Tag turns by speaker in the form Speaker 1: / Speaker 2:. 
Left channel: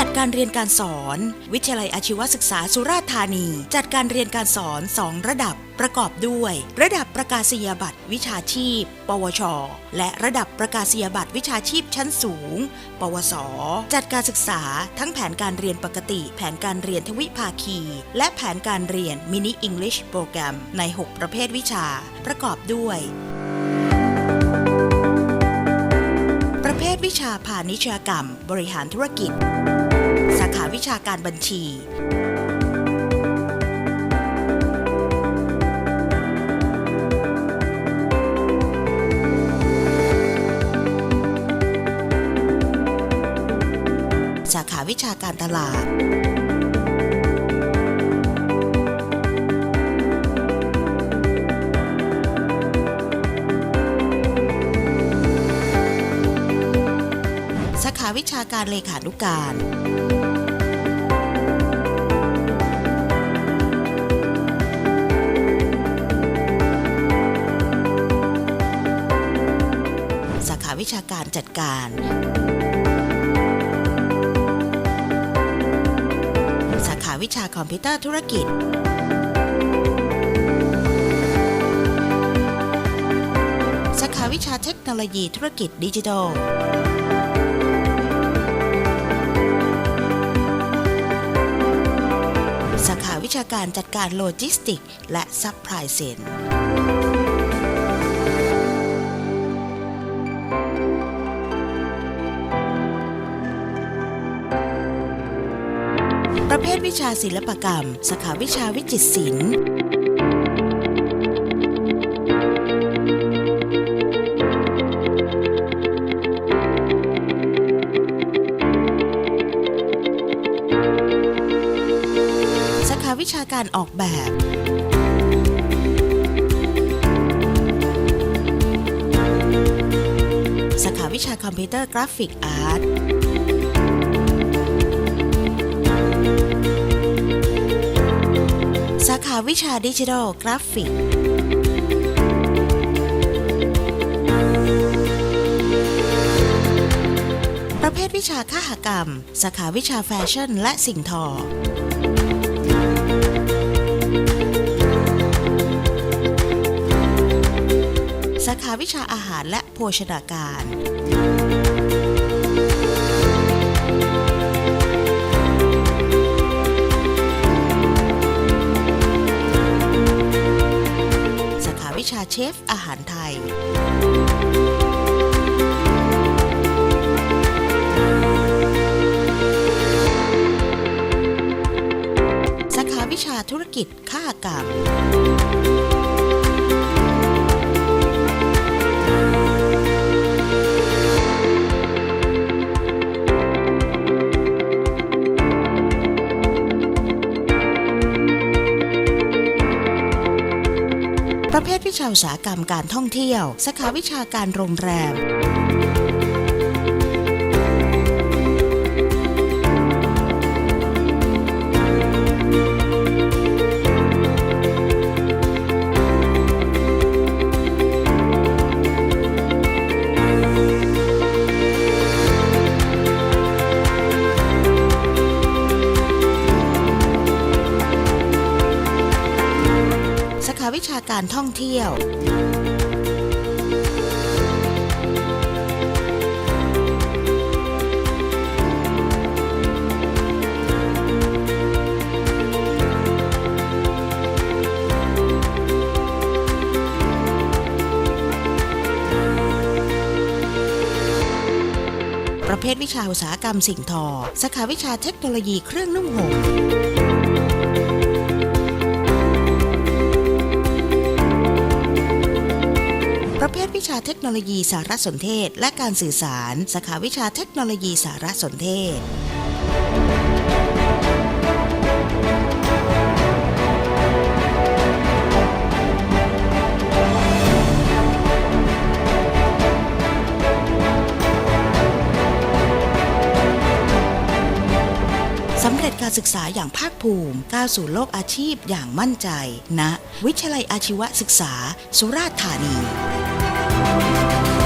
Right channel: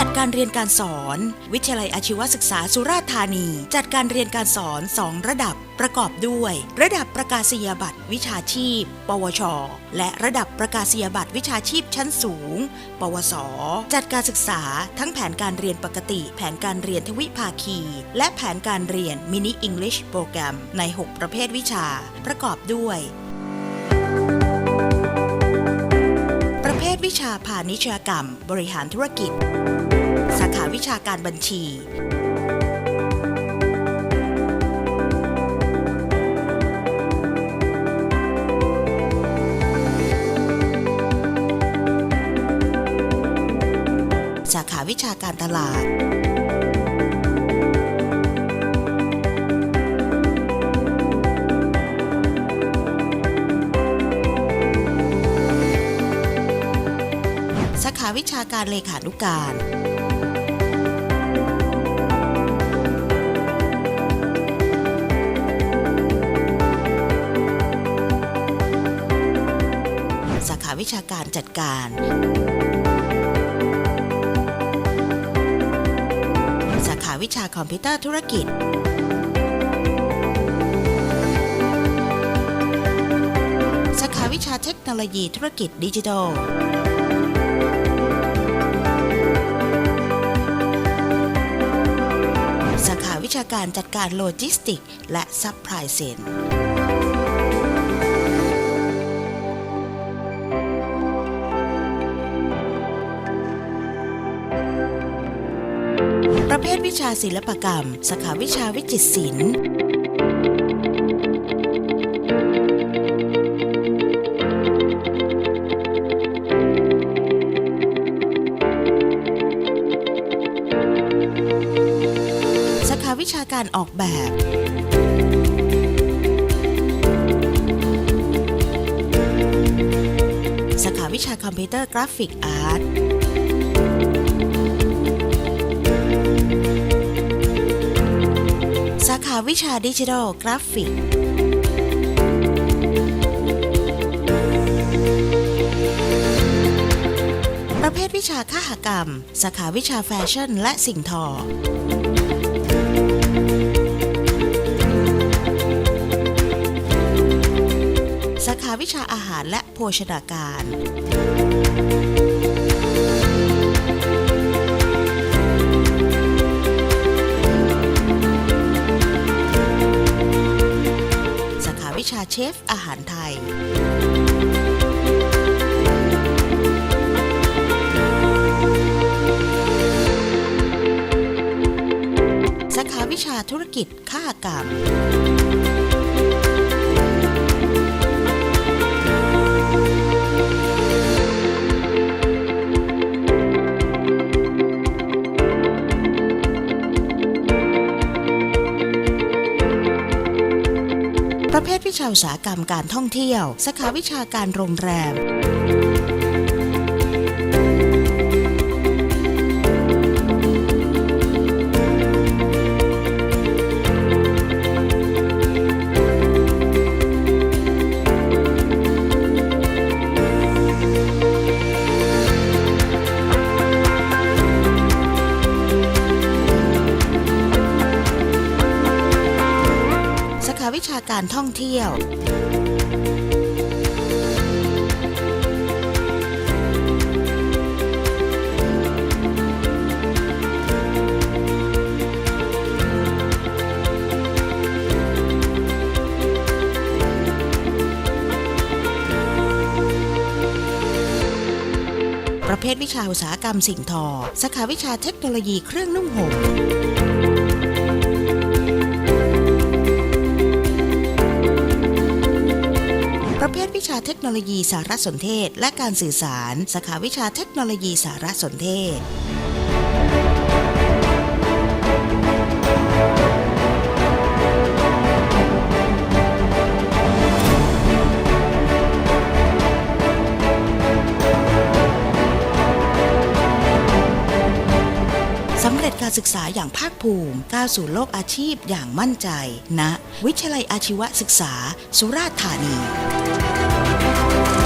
Speaker 1: จัดการเรียนการสอน วิทยาลัยอาชีวศึกษาสุราษฎร์ธานี จัดการเรียนการสอน 2 ระดับประกอบด้วย ระดับประกาศนียบัตรวิชาชีพ ปวช และระดับประกาศนียบัตรวิชาชีพชั้นสูง ปวส จัดการศึกษาทั้งแผนการเรียนปกติ แผนการเรียนทวิภาคี และแผนการเรียนมินิอังกฤษโปรแกรมใน 6 ประเภทวิชา ประกอบด้วยประเภทวิชาพาณิชยกรรม บริหารธุรกิจ วิชาการบัญชีสาขาวิชาการตลาด สาขาวิชาการเลขานุการ วิชาการจัดการสาขาวิชาคอมพิวเตอร์ธุรกิจ สาขาวิชาเทคโนโลยีธุรกิจดิจิทัล สาขาวิชาการจัดการโลจิสติก และซัพพลายเซน ประเภทวิชาศิลปกรรม สาขาวิชาวิจิตรศิลป์สาขาวิชาการออกแบบสาขาวิชาคอมพิวเตอร์กราฟิกอาร์ตาวิชาดิจิทัลกราฟิก ประเภทวิชาค้าหกรรม สาขาวิชาแฟชั่นและสิ่งทอ สาขาวิชาอาหารและโภชนาการ วิชาเชฟอาหารไทย สาขาวิชาธุรกิจค้ากรรม ประเภทวิชาอุตสาหกรรมการท่องเที่ยว สาขาวิชาการโรงแรมาวิชาการท่องเที่ยวประเภทวิชาอุตสาหกรรมสิ่งทอ สาขาวิชาเทคโนโลยีเครื่องนุ่งห่ม เภทวิชาเทคโนโลยีสารสนเทศ และการสื่อสาร สาขาวิชาเทคโนโลยีสารสนเทศสำเร็จการศึกษาอย่างภาคภูมิ ก้าวสู่โลกอาชีพอย่างมั่นใจณนะวิทยาลัยอาชีวศึกษา สุราษฎร์ธานี Thank you.